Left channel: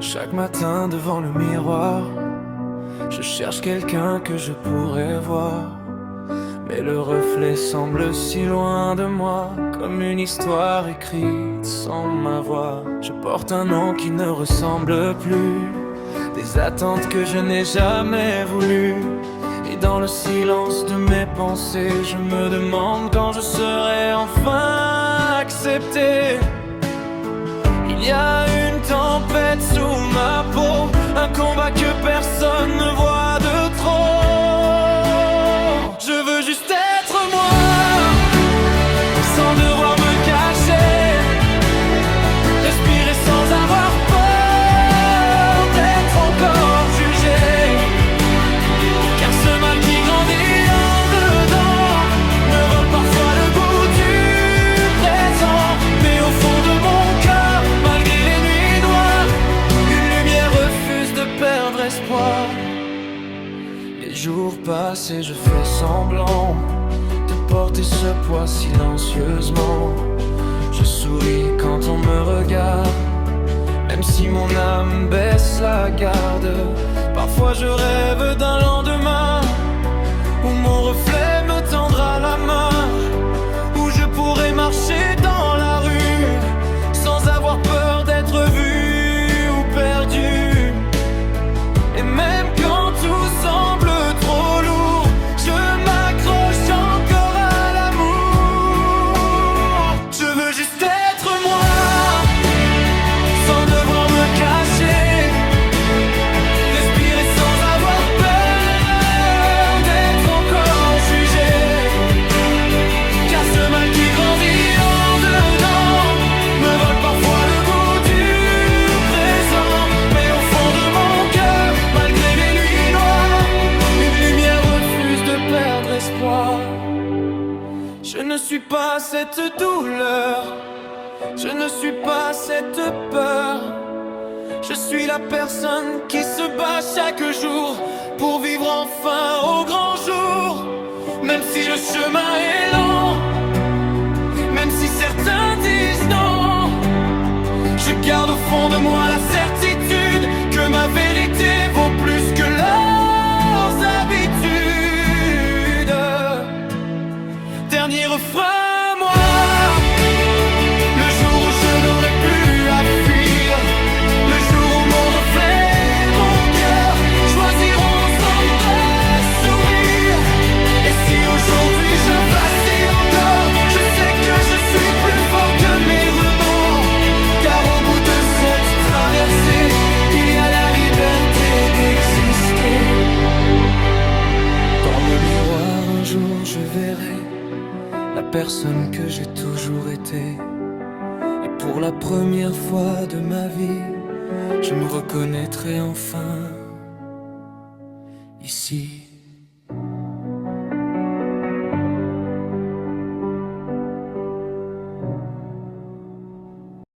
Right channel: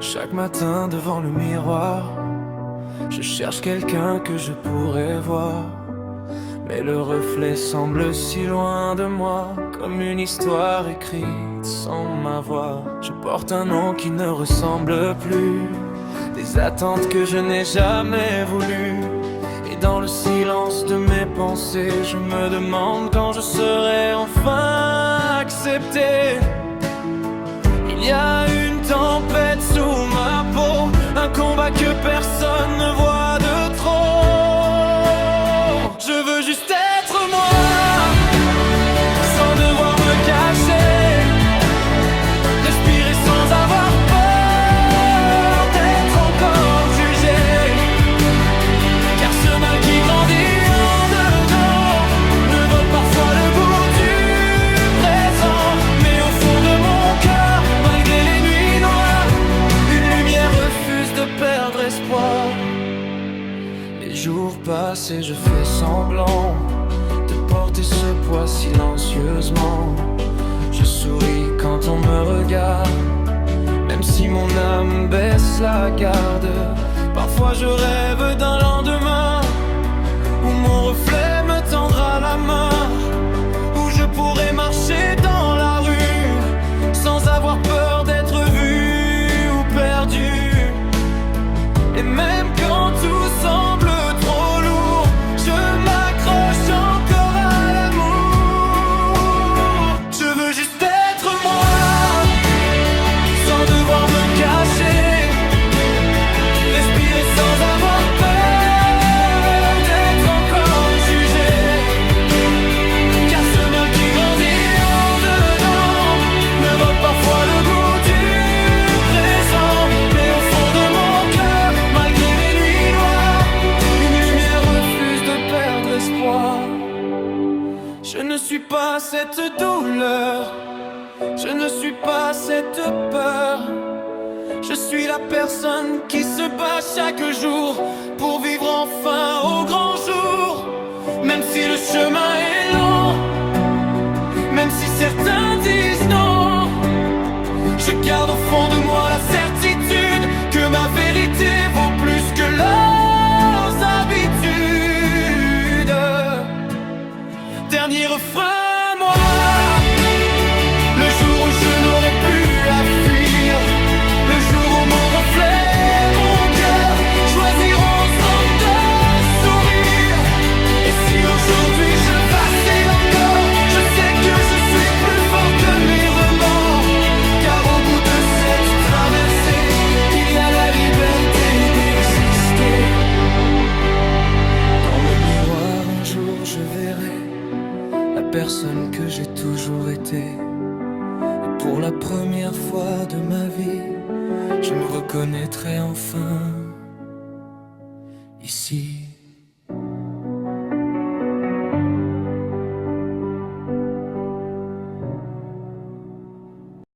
Chaque matin devant le miroir, je cherche quelqu'un que je pourrais voir, mais le reflet semble si loin de moi, comme une histoire écrite sans ma voix. Je porte un nom qui ne ressemble plus, des attentes que je n'ai jamais voulues. Et dans le silence de mes pensées, je me demande quand je serai enfin accepté. Il y a une tempête sous ma peau, un combat que personne ne voit de trop. Je veux juste être moi, sans devoir me cacher, respirer sans avoir peur d'être encore jugé. Car ce mal qui grandit en dedans me vole parfois le goût du présent. Mais au fond de mon cœur, malgré les nuits noires, une lumière refuse de perdre espoir. Les jours passent et je fais semblant de porter ce poids silencieusement. Je souris quand on me regarde, même si mon âme baisse la garde. Parfois je rêve d'un lendemain où mon reflet me tendra la main, où je pourrai marcher dans la rue sans avoir peur d'être vu ou perdu. Et même quand tout semble trop lourd, je m'accroche encore à l'amour. Je veux juste être moi, sans devoir me cacher, respirer sans avoir peur d'être encore jugé. Car ce mal qui grandit en dedans me vole parfois le goût du présent. Mais au fond de mon cœur, malgré les nuits noires, une lumière refuse de perdre espoir. Je ne suis pas cette douleur, je ne suis pas cette peur. Je suis la personne qui se bat chaque jour pour vivre enfin au grand jour. Même si le chemin est lent, même si certains disent non, je garde au fond de moi la certitude que ma vérité vaut plus que leurs habitudes. Dernier refrain, moi, le jour où je n'aurai plus à fuir, le jour où mon reflet, mon cœur choisiront ensemble de sourire. Et si aujourd'hui je vacille encore, je sais que je suis plus fort que mes remords. Car au bout de cette traversée, il y a la liberté d'exister. Dans le miroir un jour je verrai la personne que j'ai toujours été. Et pour la première fois de ma vie, je me reconnaîtrai enfin ici.